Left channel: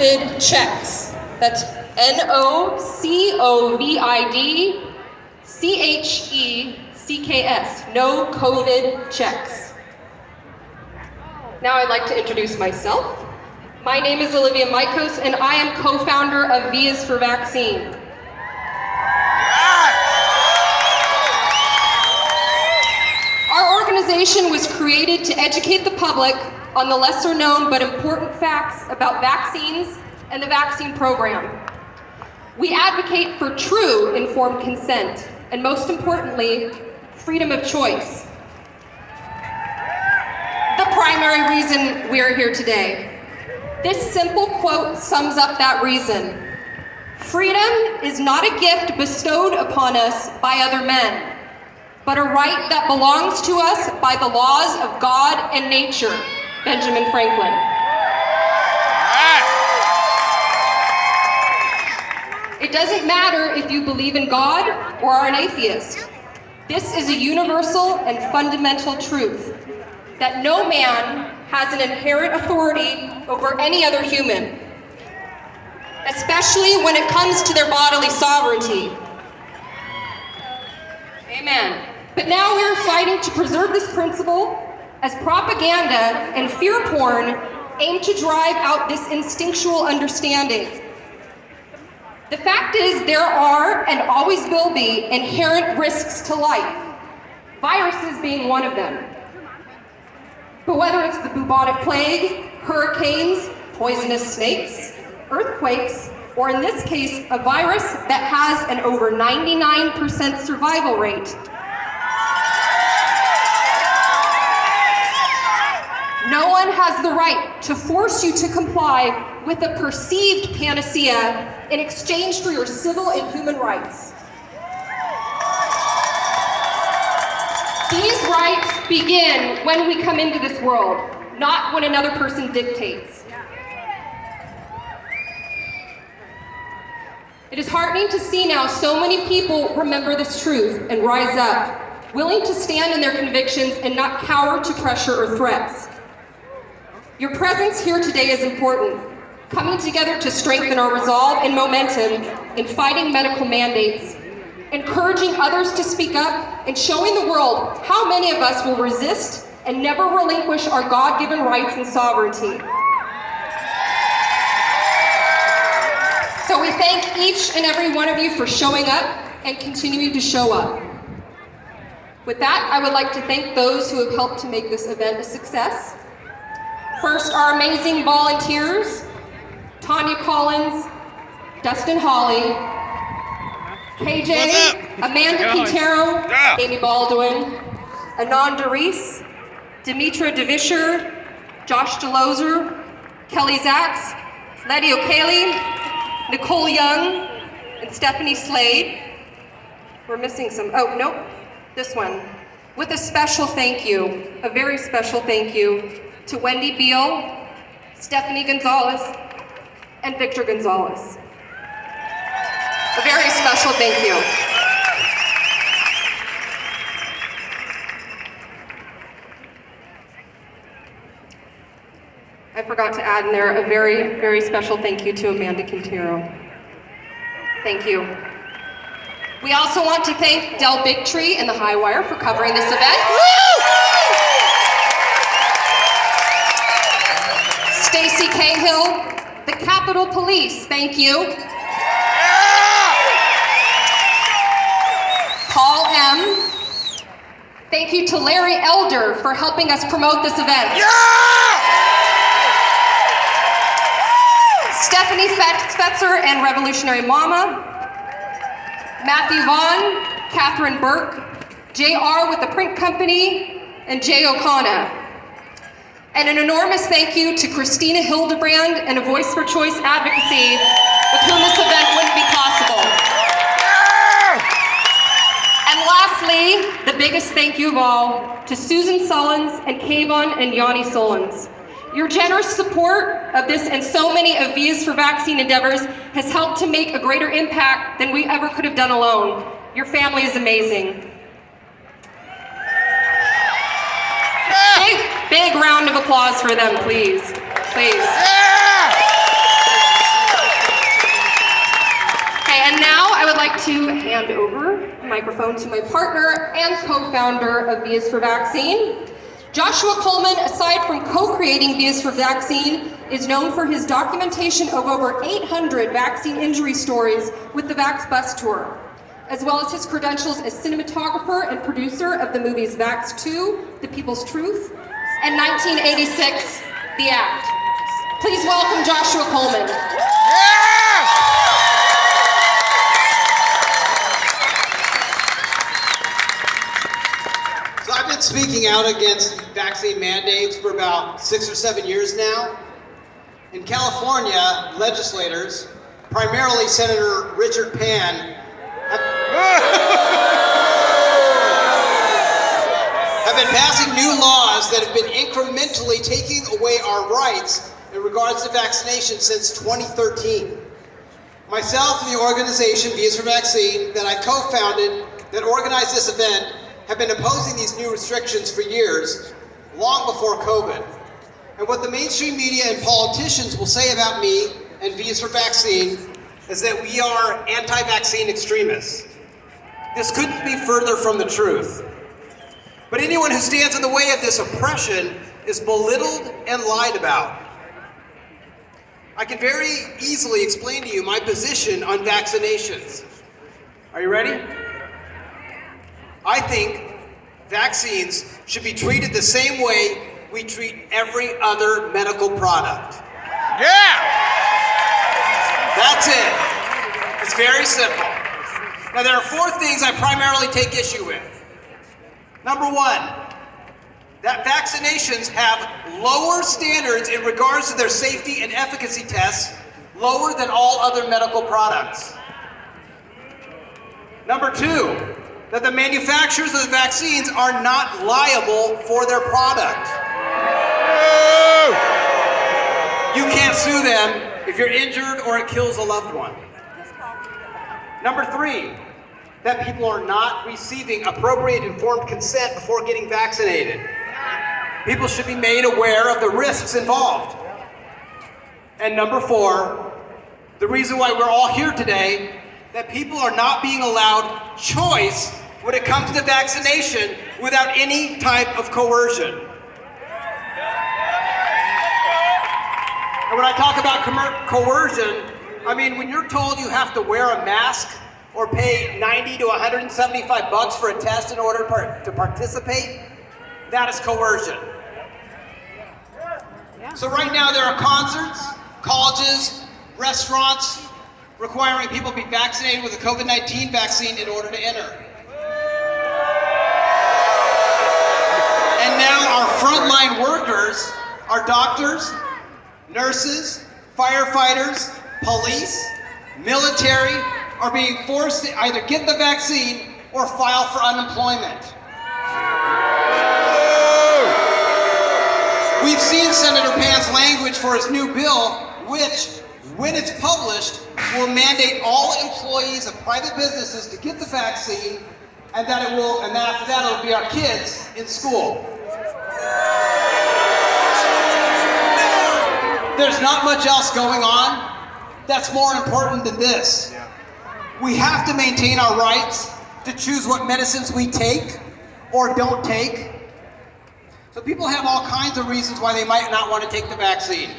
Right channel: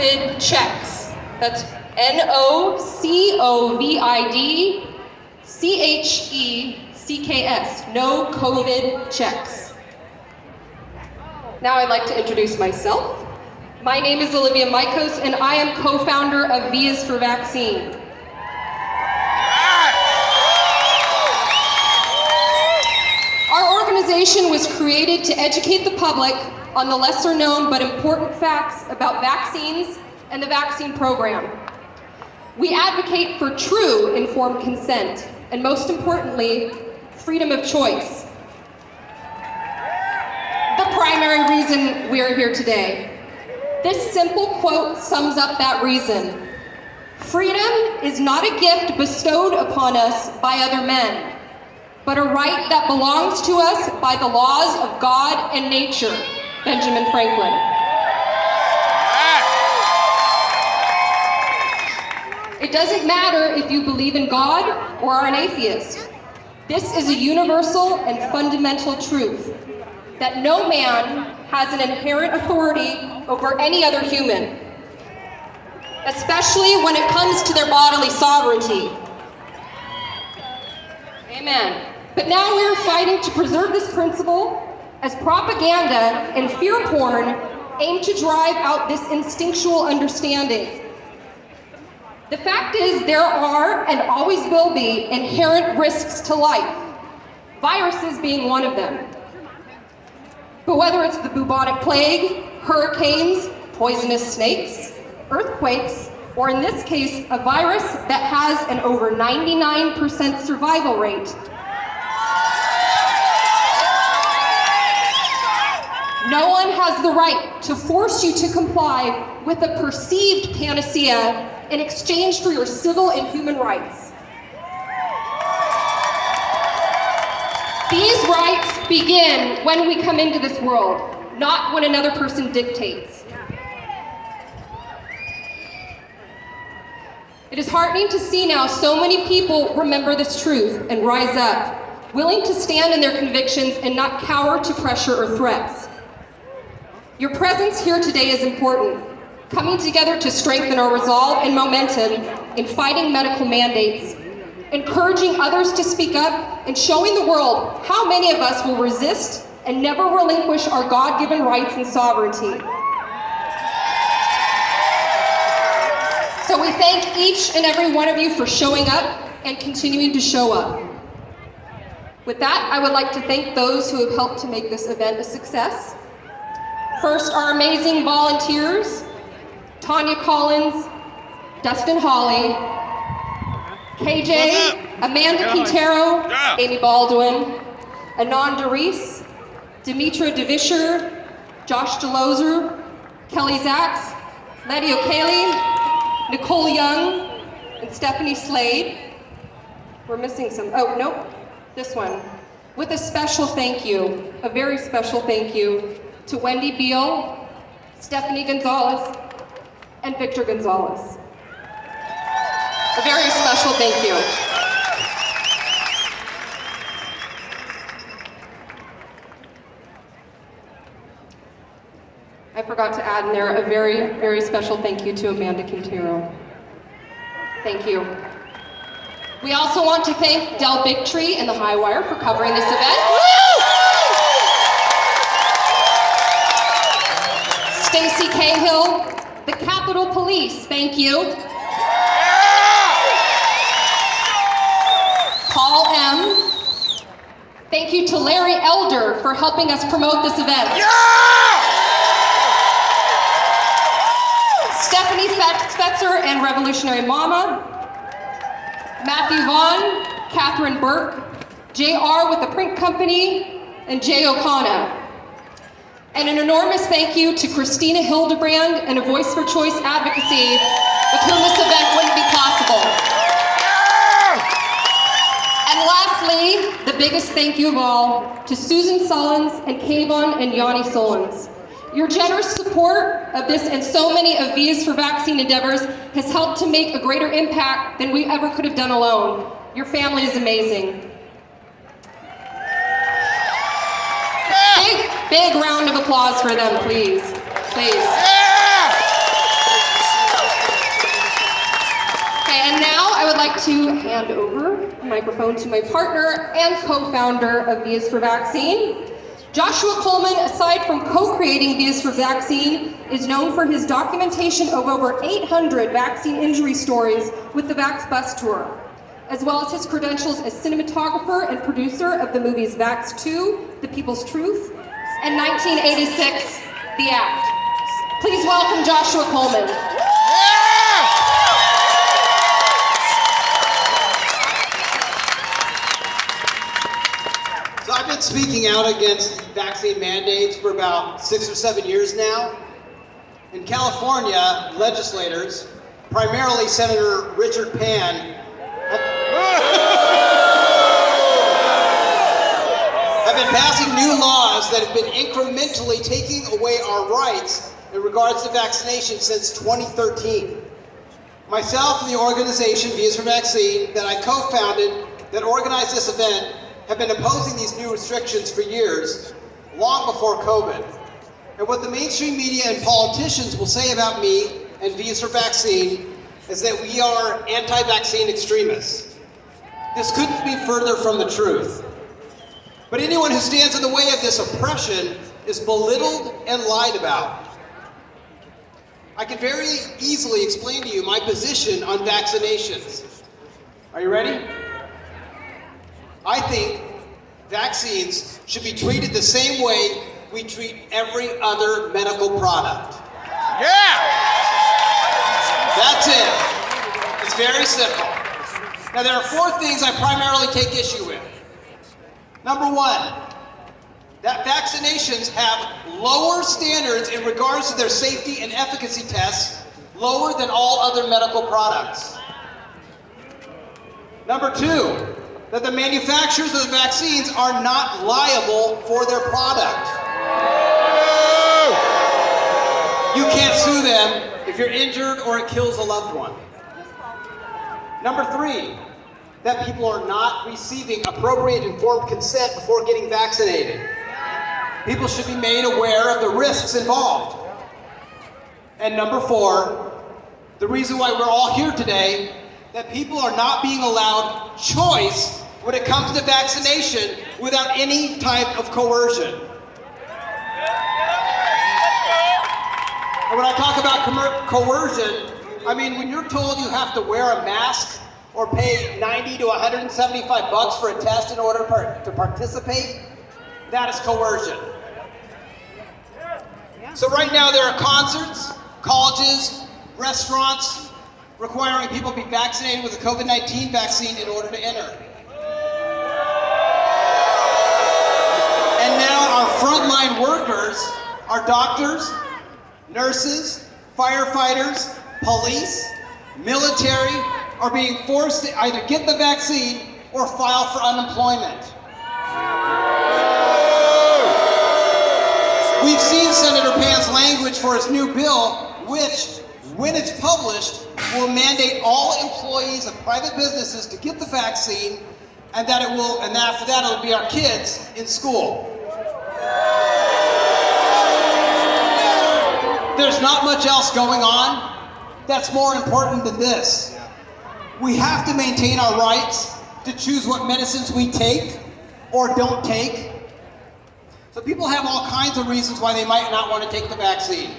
nocovidchecks. That's nocovidchecks. No COVID checks. Now I'd like to introduce myself. My name is Olivia Mikos, and I am co-founder of Vias for Vaccine. Our organization was created to educate the public on the lesser known but important facts about vaccines and the vaccine program. We advocate for true informed consent, and most importantly, freedom of choice. The primary reason we are here today. This simple quote sums up that reason. Freedom is not a gift bestowed upon us by other men, but a right that belongs to us by the laws of God and nature. Benjamin Franklin. It doesn't matter if you believe in God or are an atheist. This is a universal and fundamental truth, that no man has an inherent authority over any other human, especially when it comes to their bodily sovereignty. Amen. But now we're fighting to preserve this principle as propaganda and fear porn aim to drive out this instinctual understanding. The fact is, there are and always will be inherent risks to life, viruses being one of them. But whether it's the bubonic plague, hurricanes, poisonous snakes, earthquakes, or in this case, a virus that has an over 99% survival rate, no one has the right to force you to comply with a perceived panacea in exchange for your civil and human rights. These rights begin when we come into this world, not when another person dictates. It is heartening to see now so many people remember this truth and rise up, willing to stand in their convictions and not cower to pressure or threats. Your presence here today is important, coming together to strengthen our resolve and momentum in fighting medical mandates, encouraging others to speak up, and showing the world how many of us will resist and never relinquish our God-given rights and sovereignty. So we thank each and every one of you for showing up and continuing to show up. With that, I would like to thank those who have helped to make this event a success. First, our amazing volunteers, Tanya Collins, Dustin Hawley, KJ, Amanda Quintero, Amy Baldwin, Anand Reese, Demetra DeVischer, Josh DeLozer, Kelly Zacks, Letty O'Kaley, Nicole Young, and Stephanie Slade. We're missing some, oh, nope, this one. With a special thank you, a very special thank you to Wendy Beal, Stephanie Gonzalez, and Victor Gonzalez. A very special thank you. I forgot to add in there a very, very special thank you to Amanda Quintero. Thank you. We also want to thank Del Bigtree and the Highwire for covering this event. Stacy Cahill, the Capitol Police, thank you. Paul M. Thank you to Larry Elder for helping us promote this event. Stephanie Fetzer and Revolutionary Mama. Matthew Vaughn, Catherine Burke, JR with the Print Company, and Jay O'Connor. And an enormous thank you to Christina Hildebrand and A Voice for Choice Advocacy, with whom this event wouldn't be possible. And lastly, the biggest thank you of all, to Susan Sullins and Kayvon and Yanni Sullins. Your generous support of this and so many of Vias for Vaccine endeavors has helped to make a greater impact than we ever could have done alone. Your family is amazing. Big round of applause for them, please. Please. like to hand over the microphone to my partner and co-founder of V is for Vaccine. Joshua Coleman, aside from co-creating V is for Vaccine, is known for his documentation of over 800 vaccine injury stories with the Vax Bus Tour, as well as his credentials as cinematographer and producer of the movies Vax 2, The People's Truth, and 1986, The Act. Please welcome Joshua Coleman. So I've been speaking out against vaccine mandates for about 6 or 7 years now. In California, legislators, primarily Senator Richard Pan, have been passing new laws that have been incrementally taking away our rights in regards to vaccination since 2013. Myself and the organization V is for Vaccine that I co-founded that organized this event have been opposing these new restrictions for years, long before COVID. And what the mainstream media and politicians will say about me and V is for Vaccine is that we are anti-vaccine extremists. This couldn't be further from the truth. But anyone who stands in the way of this oppression is belittled and lied about. I can very easily explain to you my position on vaccinations. Are you ready? I think vaccines should be treated the same way we treat every other medical product. Yeah! That's it. It's very simple. Now there are 4 things I primarily take issue with. Number 1, that vaccinations have lower standards in regards to their safety and efficacy tests, lower than all other medical products. Number 2, that the manufacturers of the vaccines are not liable for their product. You can't sue them if you're injured or it kills a loved one. Number 3, that people are not receiving appropriate informed consent before getting vaccinated. People should be made aware of the risks involved. And number 4, the reason why we're all here today, that people are not being allowed choice when it comes to vaccination without any type of coercion. And when I talk about coercion, I mean when you're told you have to wear a mask or pay $90 to $175 for a test in order to participate, that is coercion. So right now there are concerts, colleges, restaurants requiring people to be vaccinated with a COVID-19 vaccine in order to enter. And now our frontline workers, our doctors, nurses, firefighters, police, military, are being forced to either get the vaccine or file for unemployment. We've seen Senator Pan's language for his new bill, which, when it's published, will mandate all employees of private businesses to get the vaccine, and that it will, and after that it'll be our kids in school. There's not much else going on that's more important than this. We have to maintain our rights to choose what medicines we take or don't take. So people have all kinds of reasons why they might not want to take the vaccine.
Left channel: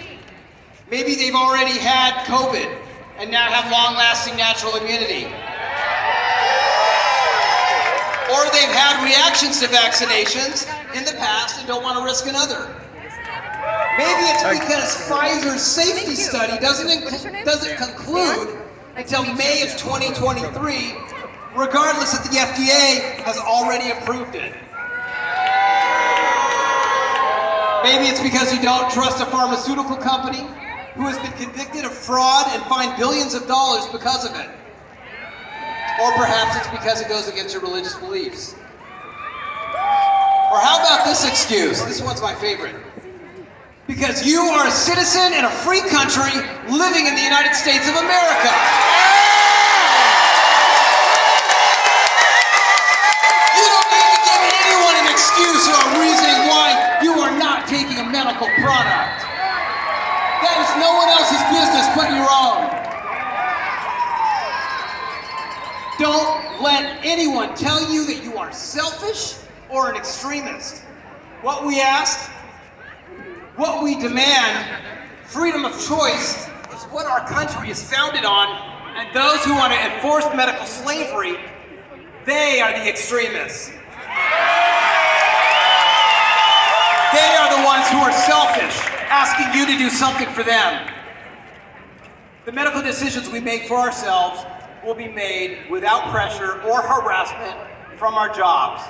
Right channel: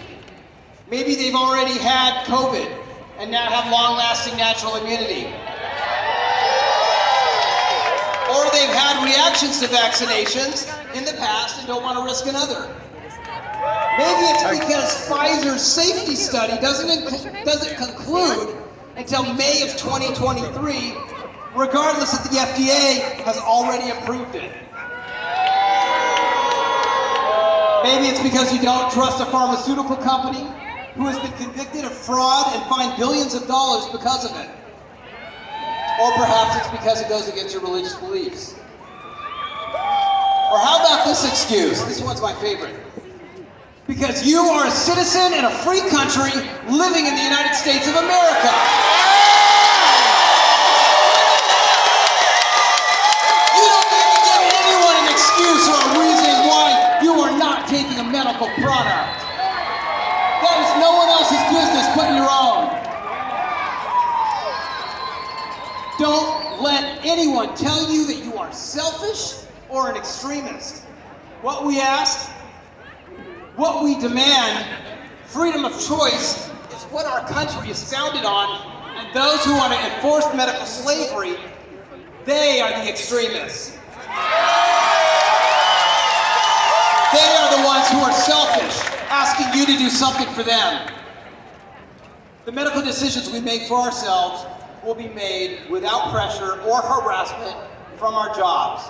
Maybe they've already had COVID and now have long-lasting natural immunity. Or they've had reactions to vaccinations in the past and don't want to risk another. Maybe it's because Pfizer's safety study doesn't conclude until May of 2023, regardless that the FDA has already approved it. Maybe it's because you don't trust a pharmaceutical company who has been convicted of fraud and fined billions of dollars because of it. Or perhaps it's because it goes against your religious beliefs. Or how about this excuse? This one's my favorite. Because you are a citizen in a free country living in the United States of America. You don't need to give anyone an excuse or a reason why you are not taking a medical product. That is no one else's business but your own. Don't let anyone tell you that you are selfish or an extremist. What we ask, what we demand, freedom of choice is what our country is founded on, and those who want to enforce medical slavery, they are the extremists. They are the ones who are selfish, asking you to do something for them. The medical decisions we make for ourselves will be made without pressure or harassment from our jobs.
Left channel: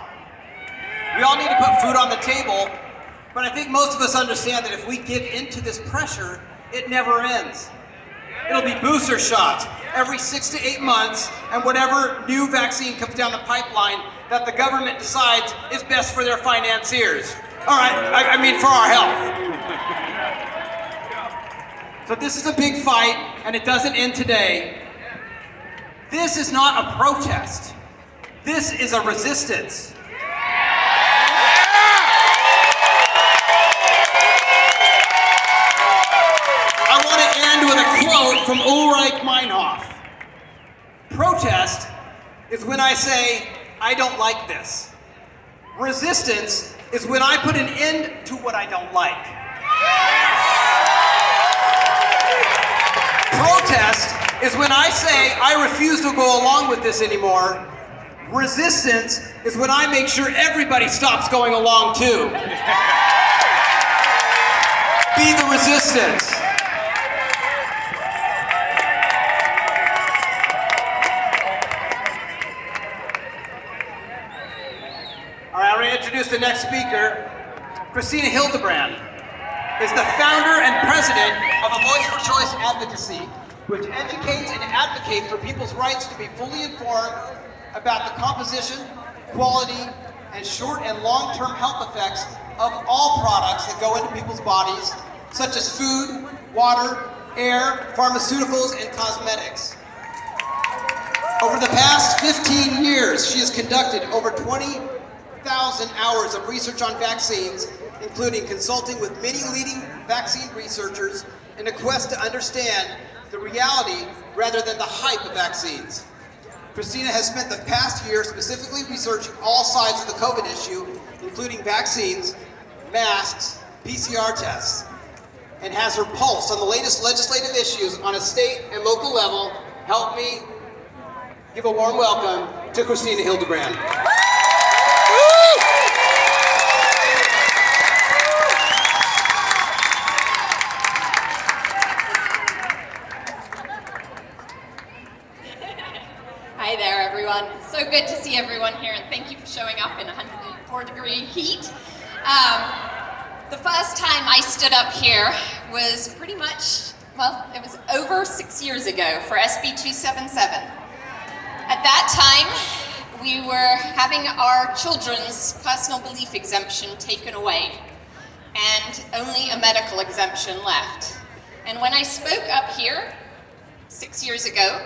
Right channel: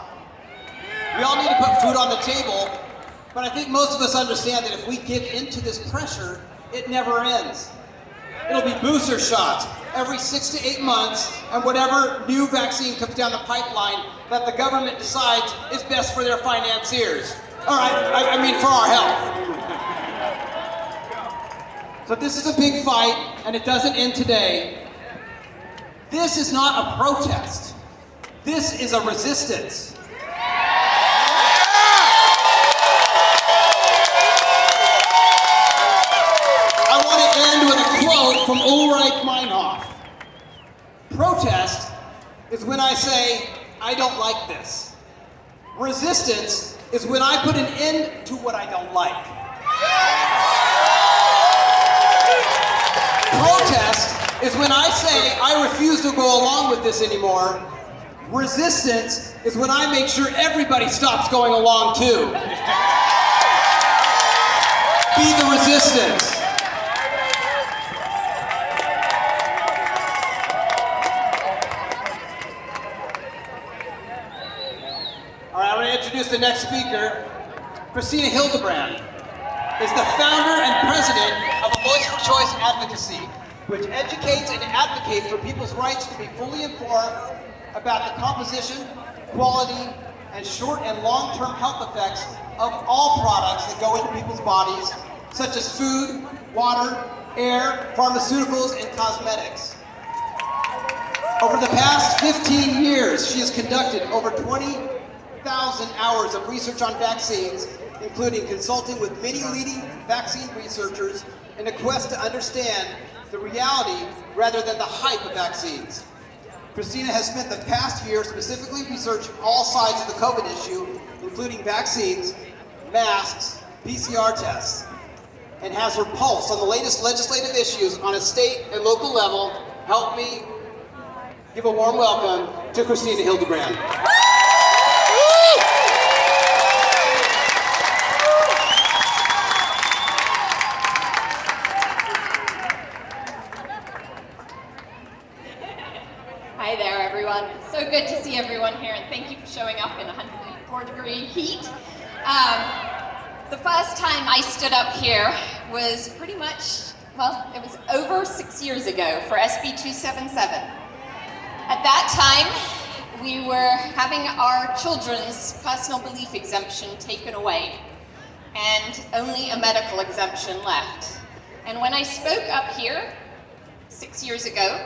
We all need to put food on the table, but I think most of us understand that if we give into this pressure, it never ends. It'll be booster shots every 6 to 8 months, and whatever new vaccine comes down the pipeline that the government decides is best for their financiers. All right, I mean for our health. So this is a big fight, and it doesn't end today. This is not a protest. This is a resistance. I want to end with a quote from Ulrich Meinhof. Protest is when I say, I don't like this. Resistance is when I put an end to what I don't like. Protest is when I say I refuse to go along with this anymore. Resistance is when I make sure everybody stops going along too. Be the resistance. All right, I'm going to introduce the next speaker. Christina Hildebrand is the founder and president of A Voice for Choice Advocacy, which educates and advocates for people's rights to be fully informed about the composition, quality, and short and long-term health effects of all products that go into people's bodies, such as food, water, air, pharmaceuticals, and cosmetics. Over the past 15 years, she has conducted over 20,000 hours of research on vaccines, including consulting with many leading vaccine researchers in a quest to understand the reality rather than the hype of vaccines. Christina has spent the past year specifically researching all sides of the COVID issue, including vaccines, masks, PCR tests, and has her pulse on the latest legislative issues on a state and local level. Help me give a warm welcome to Christina Hildebrand. Hi there, everyone. So good to see everyone here, and thank you for showing up in 104-degree heat. The first time I stood up here was pretty much, well, it was over 6 years ago for SB 277. At that time, we were having our children's personal belief exemption taken away, and only a medical exemption left. And when I spoke up here 6 years ago,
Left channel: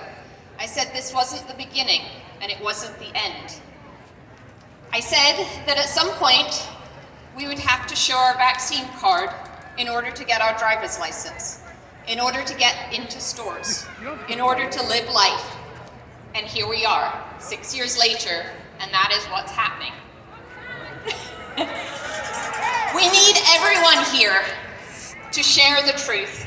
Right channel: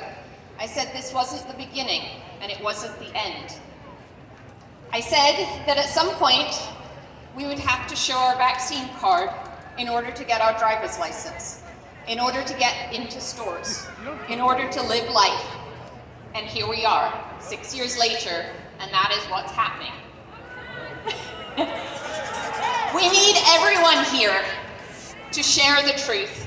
I said this wasn't the beginning, and it wasn't the end. I said that at some point, we would have to show our vaccine card in order to get our driver's license, in order to get into stores, in order to live life. And here we are, 6 years later, and that is what's happening. We need everyone here to share the truth,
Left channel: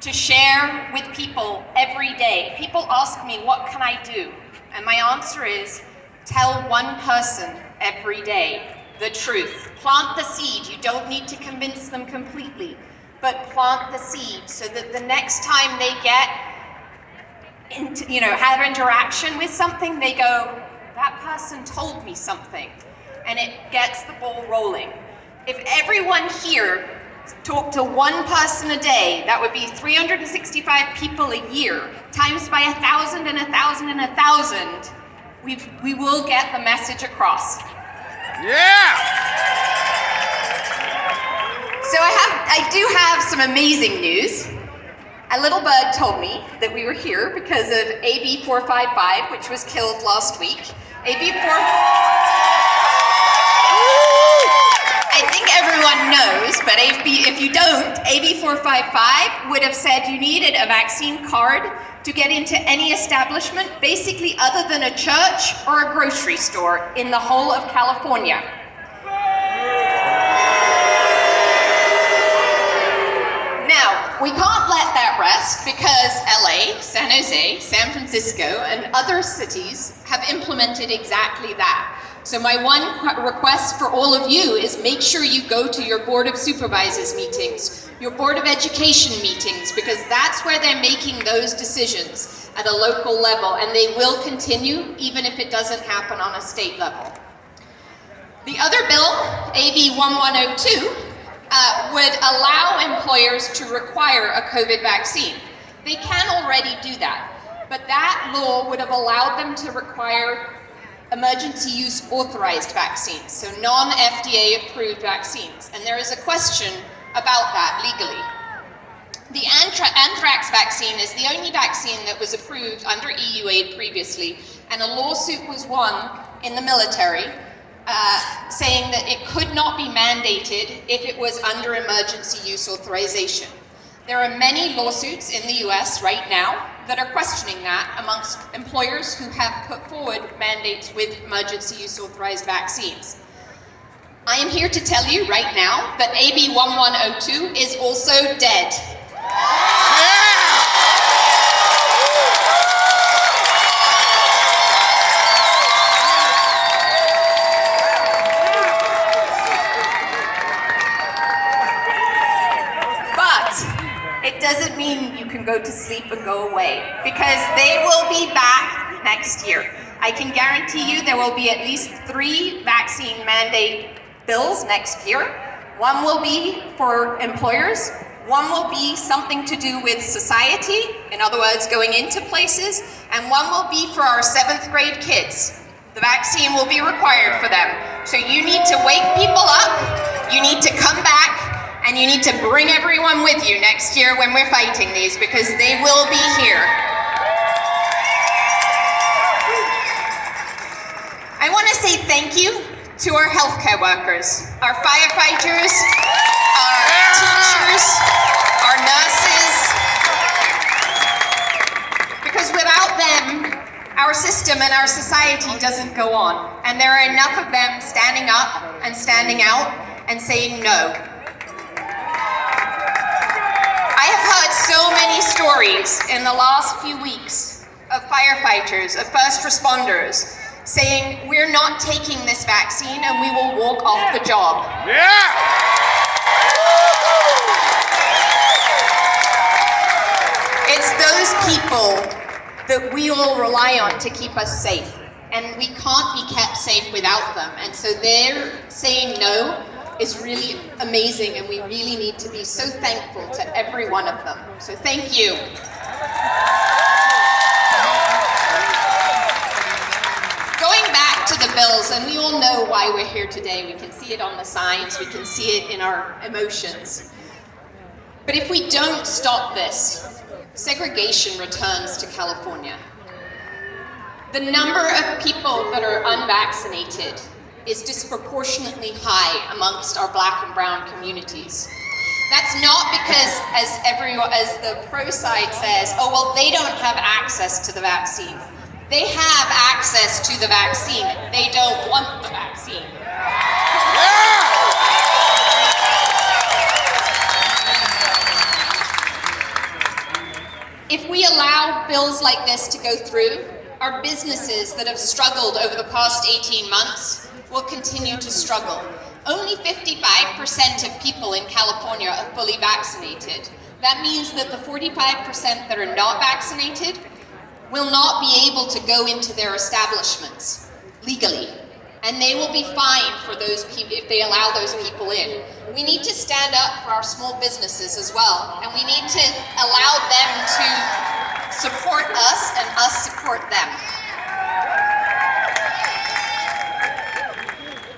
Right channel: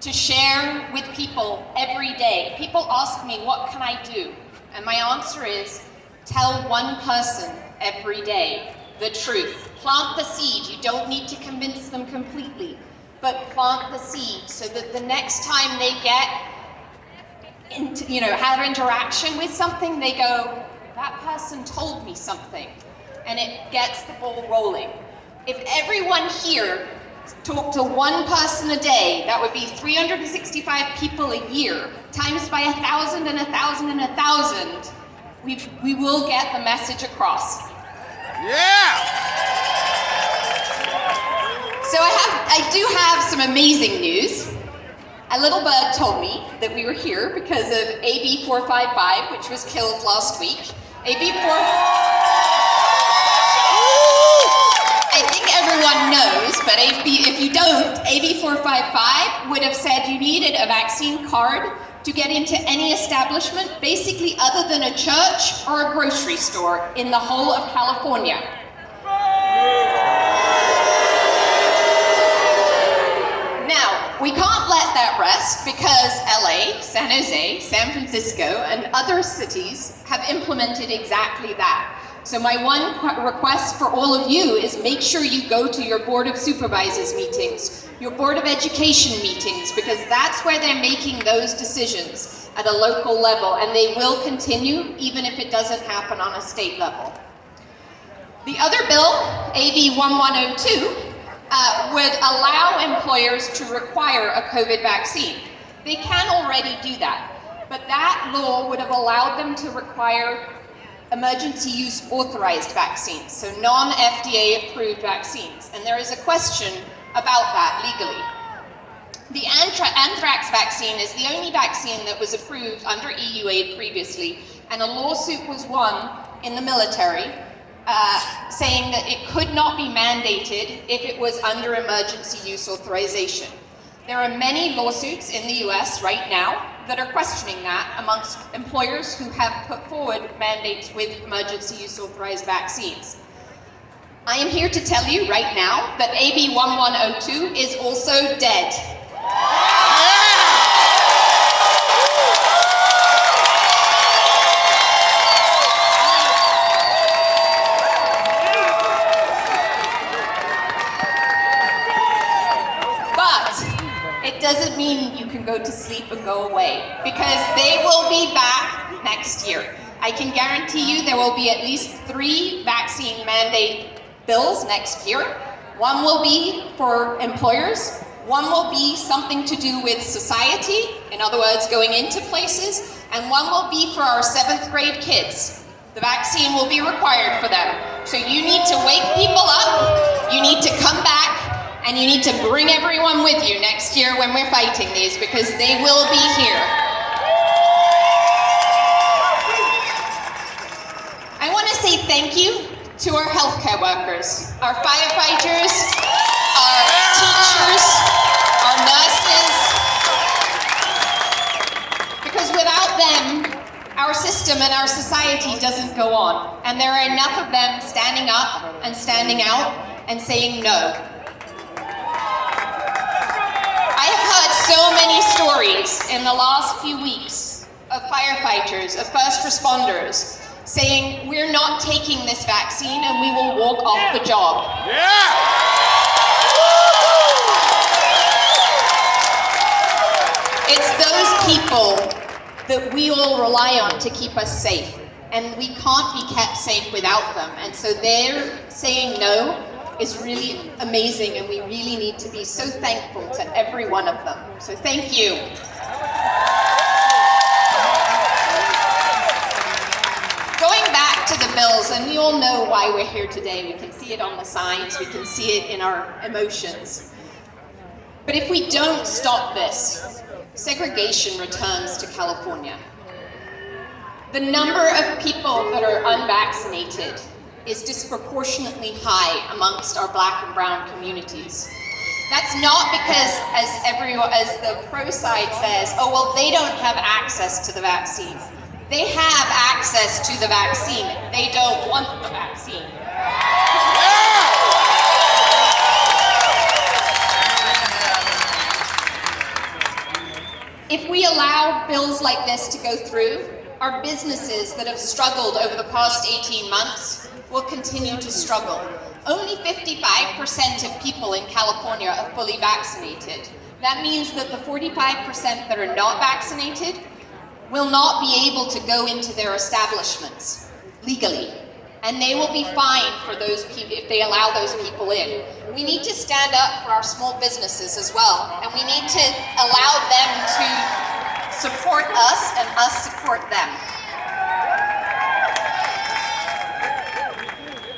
to share with people every day. People ask me, what can I do? And my answer is, tell one person every day the truth. Plant the seed. You don't need to convince them completely, but plant the seed so that the next time they get into, have interaction with something, they go, that person told me something, and it gets the ball rolling. If everyone here talked to one person a day, that would be 365 people a year, times by 1,000 and 1,000 and 1,000, we will get the message across. Yeah! So I do have some amazing news. A little bug told me that we were here because of AB 455, which was killed last week. I think everyone knows, but if you don't, AB 455 would have said you needed a vaccine card to get into any establishment, basically other than a church or a grocery store in the whole of California. Now, we can't let that rest because LA, San Jose, San Francisco, and other cities have implemented exactly that. So my one request for all of you is make sure you go to your Board of Supervisors meetings, your Board of Education meetings, because that's where they're making those decisions at a local level, and they will continue even if it doesn't happen on a state level. The other bill, AB 1102, would allow employers to require a COVID vaccine. They can already do that, but that law would have allowed them to require emergency use authorized vaccines, so non-FDA approved vaccines. And there is a question about that legally. The anthrax vaccine is the only vaccine that was approved under EU aid previously, and a lawsuit was won in the military saying that it could not be mandated if it was under emergency use authorization. There are many lawsuits in the US right now that are questioning that amongst employers who have put forward mandates with emergency use authorized vaccines. I am here to tell you right now that AB 1102 is also dead. It doesn't mean you can go to sleep and go away, because they will be back next year. I can guarantee you there will be at least 3 vaccine mandate bills next year. One will be for employers, one will be something to do with society, in other words, going into places, and one will be for our 7th grade kids. The vaccine will be required for them. So you need to wake people up, you need to come back, and you need to bring everyone with you next year when we're fighting these, because they will be here. I want to say thank you to our healthcare workers, our firefighters, our teachers, our nurses, because without them, our system and our society doesn't go on. And there are enough of them standing up and standing out and saying no. I have heard so many stories in the last few weeks of firefighters, of first responders, saying we're not taking this vaccine and we will walk off the job. It's those people that we all rely on to keep us safe, and we can't be kept safe without them. And so they're saying no is really amazing, and we really need to be so thankful to every one of them. So thank you. Going back to the bills, and we all know why we're here today. We can see it on the signs, we can see it in our emotions. But if we don't stop this, segregation returns to California. The number of people that are unvaccinated is disproportionately high amongst our Black and brown communities. That's not because, as the pro side says, oh, well, they don't have access to the vaccine. They have access to the vaccine. They don't want the vaccine. If we allow bills like this to go through, our businesses that have struggled over the past 18 months will continue to struggle. Only 55% of people in California are fully vaccinated. That means that the 45% that are not vaccinated will not be able to go into their establishments legally. And they will be fined for those people if they allow those people in. We need to stand up for our small businesses as well, and we need to allow them to support us and us support them.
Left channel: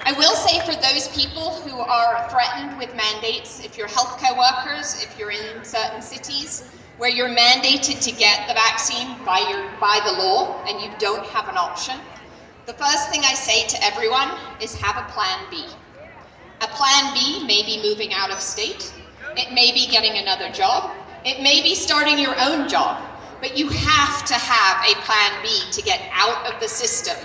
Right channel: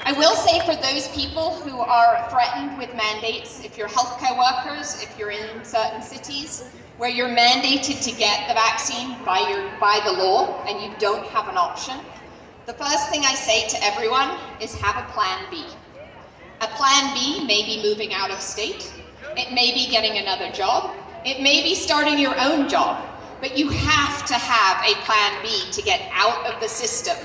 I will say, for those people who are threatened with mandates, if you're healthcare workers, if you're in certain cities where you're mandated to get the vaccine by the law and you don't have an option, the first thing I say to everyone is have a plan B. A plan B may be moving out of state, it may be getting another job, it may be starting your own job. but you have to have a plan B to get out of the system.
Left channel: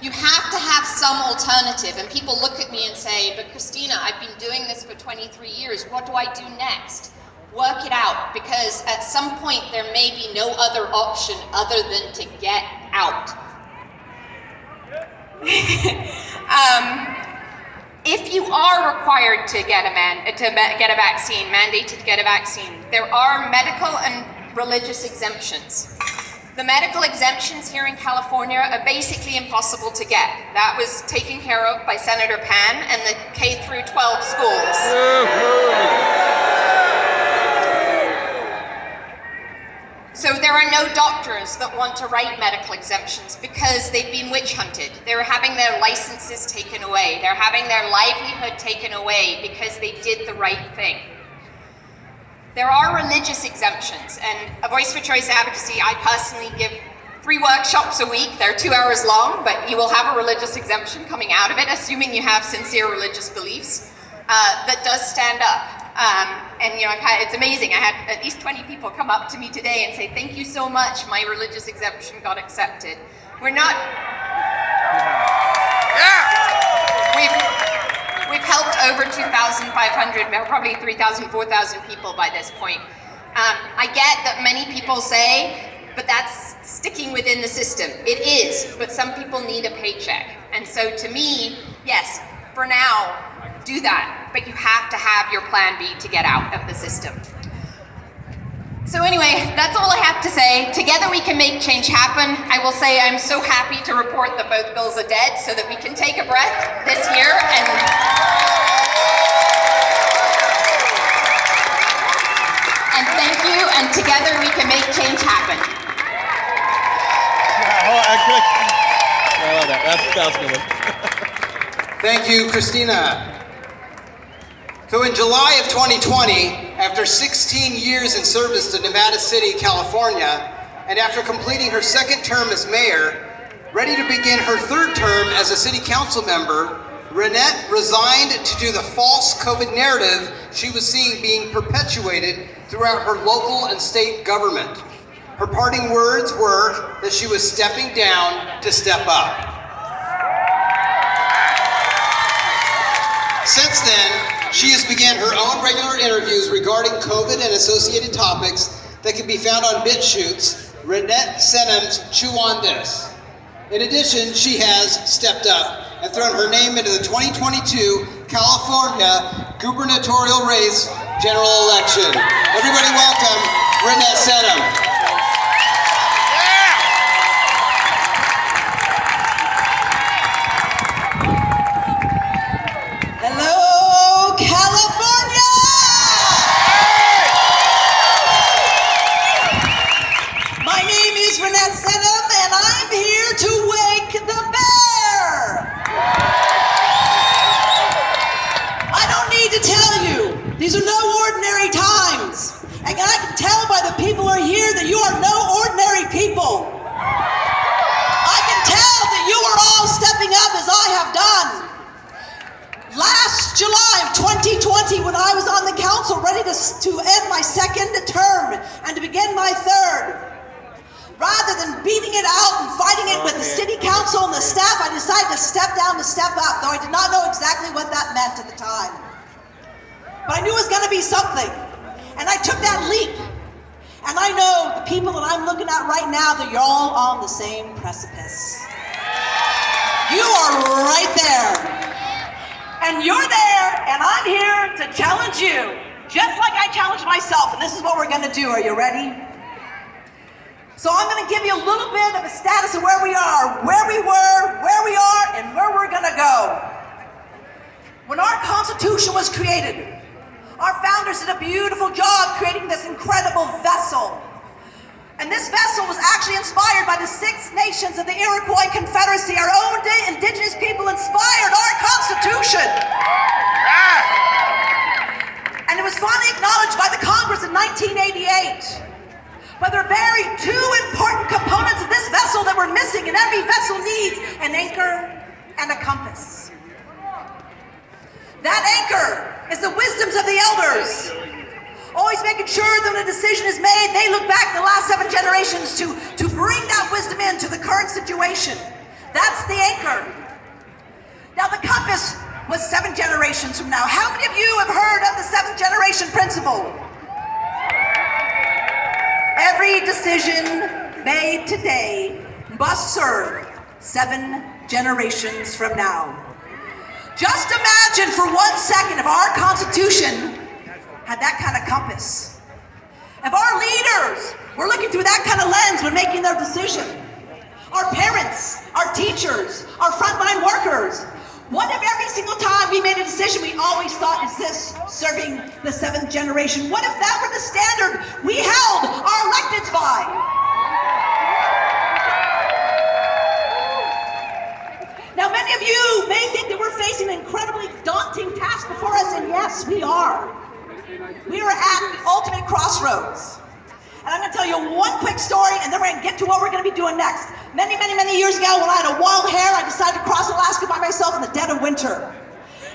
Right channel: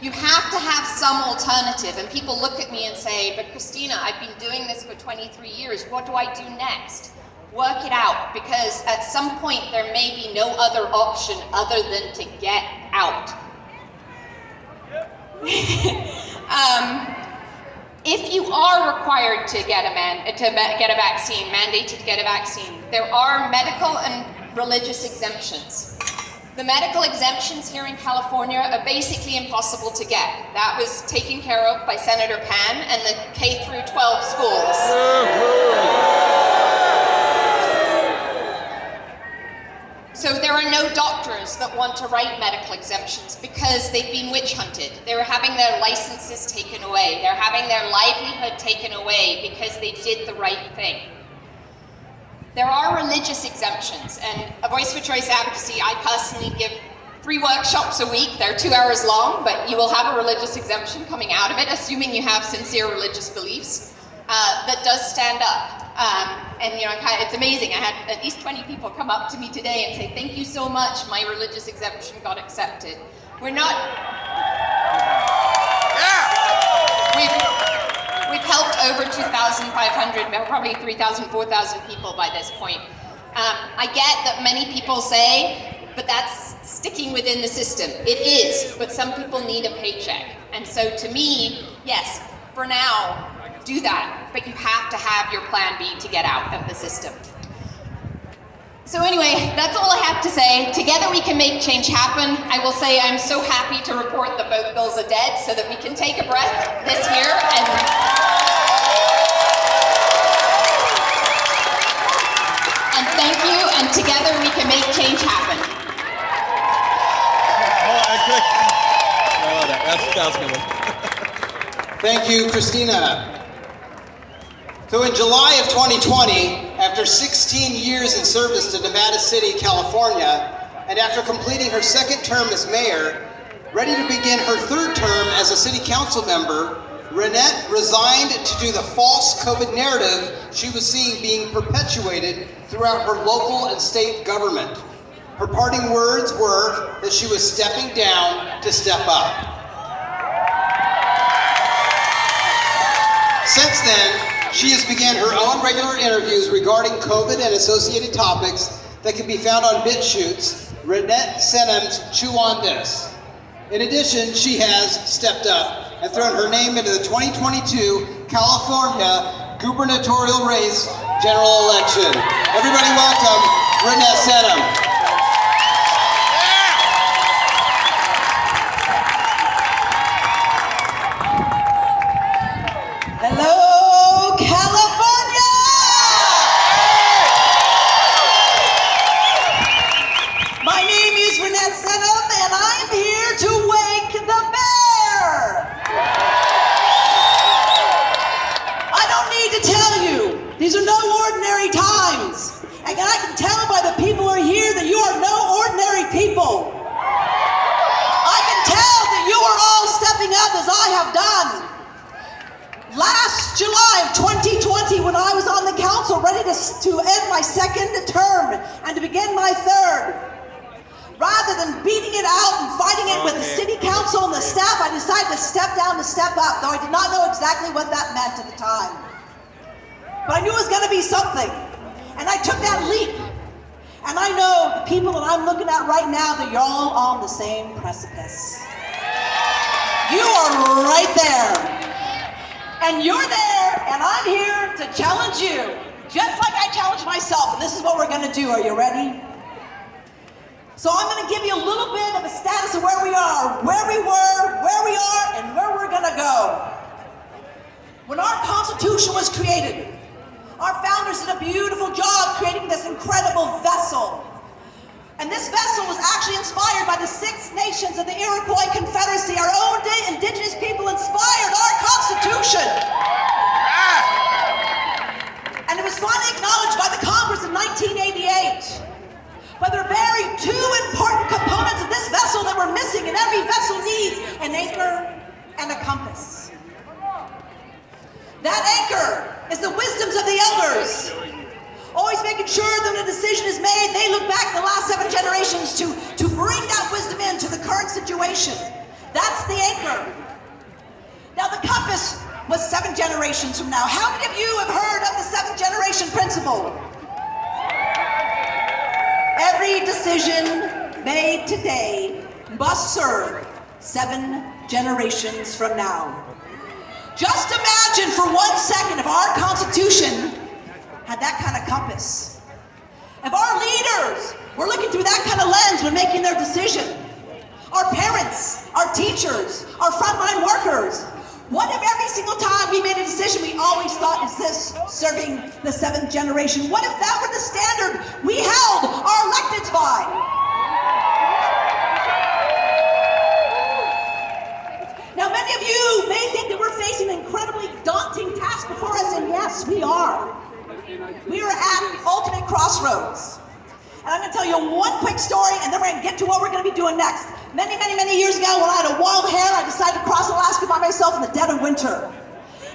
You have to have some alternative, and people look at me and say, but Christina, I've been doing this for 23 years, what do I do next? Work it out, because at some point there may be no other option other than to get out. If you are required to get a vaccine, mandated to get a vaccine, there are medical and religious exemptions. The medical exemptions here in California are basically impossible to get. That was taken care of by Senator Pan and the K through 12 schools. So there are no doctors that want to write medical exemptions because they've been witch hunted. They're having their licenses taken away. They're having their livelihood taken away because they did the right thing. There are religious exemptions, and a Voice for Choice Advocacy, I personally give 3 workshops a week. They're 2 hours long, but you will have a religious exemption coming out of it, assuming you have sincere religious beliefs, that does stand up. And you know, it's amazing. I had at least 20 people come up to me today and say, thank you so much, my religious exemption got accepted. We're not... We've helped over 2,500, probably 3,000, 4,000 people by this point. I get that many people say, but that's sticking within the system. It is, but some people need a paycheck. And so to me, yes, for now, do that, but you have to have your plan B to get out of the system. So anyway, that's all I have to say. Together we can make change happen. I will say I'm so happy to report that both bills are dead so that we can take a breath this year and thank you, and together we can make change happen. Oh, that's good. Thank you, Christina. So in July of 2020, after 16 years in service to Nevada City, California, and after completing her 2nd term as mayor, ready to begin her 3rd term as a city council member, Renette resigned to do the false COVID narrative she was seeing being perpetuated throughout her local and state government. Her parting words were that she was stepping down to step up. Since then, she has began her own regular interviews regarding COVID and associated topics that can be found on BitChutes, Renette Senham's Chew on This. In addition, she has stepped up and thrown her name into the 2022 California gubernatorial race general election. Everybody welcome Renette Senham. Hello, California! My name is Renette Senham, and I'm here to wake the bear! I don't need to tell you, these are no ordinary times. And I can tell by the people who are here that you are no ordinary people. I can tell that you are all stepping up as I have done. Last July of 2020, when I was on the council ready to end my 2nd term and to begin my 3rd, rather than beating it out and fighting it with the city council and the staff, I decided to step down to step up, though I did not know exactly what that meant at the time. But I knew it was going to be something, and I took that leap. And I know the people that I'm looking at right now, that you're all on the same precipice. You are right there. And you're there, and I'm here to challenge you, just like I challenged myself, and this is what we're gonna do. Are you ready? So I'm gonna give you a little bit of a status of where we are, where we were, where we are, and where we're gonna go. When our Constitution was created, our founders did a beautiful job creating this incredible vessel. And this vessel was actually inspired by the 6 nations of the Iroquois Confederacy. Our own indigenous people inspired our Constitution. And it was finally acknowledged by the Congress in 1988. But there are very 2 important components of this vessel that were missing, and every vessel needs an anchor and a compass. That anchor is the wisdoms of the elders. Always making sure that when a decision is made, they look back the last 700 situation. That's the anchor. Now the compass was 7 generations from now. How many of you have heard of the 7th generation principle? Every decision made today must serve 7 generations from now. Just imagine for 1 second if our Constitution had that kind of compass. If our leaders were looking through that kind of lens when making their decision. Our parents, our teachers, our frontline workers. What if every single time we made a decision we always thought, is this serving the 7th generation? What if that were the standard we held our electeds by? Now many of you may think that we're facing an incredibly daunting task before us, and yes, we are. We are at the ultimate crossroads. And I'm going to tell you one quick story, and then we're going to get to what we're going to be doing next. Many years ago, when I had a wild hair, I decided to cross Alaska by myself in the dead of winter.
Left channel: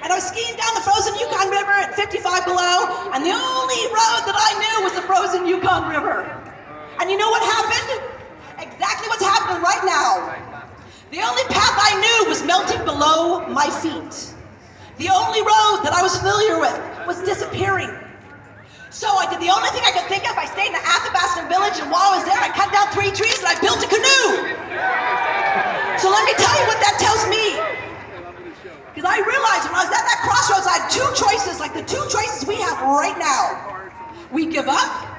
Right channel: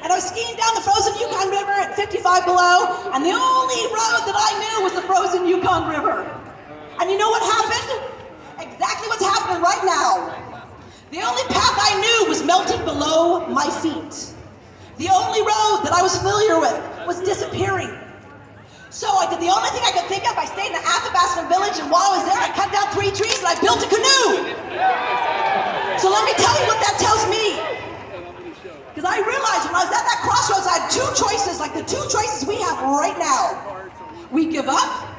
And I was skiing down the frozen Yukon River at 55 below, and the only road that I knew was the frozen Yukon River. And you know what happened? Exactly what's happening right now. The only path I knew was melting below my feet. The only road that I was familiar with was disappearing. So I did the only thing I could think of. I stayed in the Athabasca village, and while I was there, I cut down 3 trees and I built a canoe. So let me tell you what that tells me. Because I realized when I was at that crossroads, I had 2 choices, like the 2 choices we have right now. We give up,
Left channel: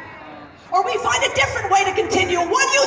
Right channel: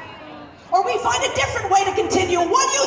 or we find a different way to continue. And what do you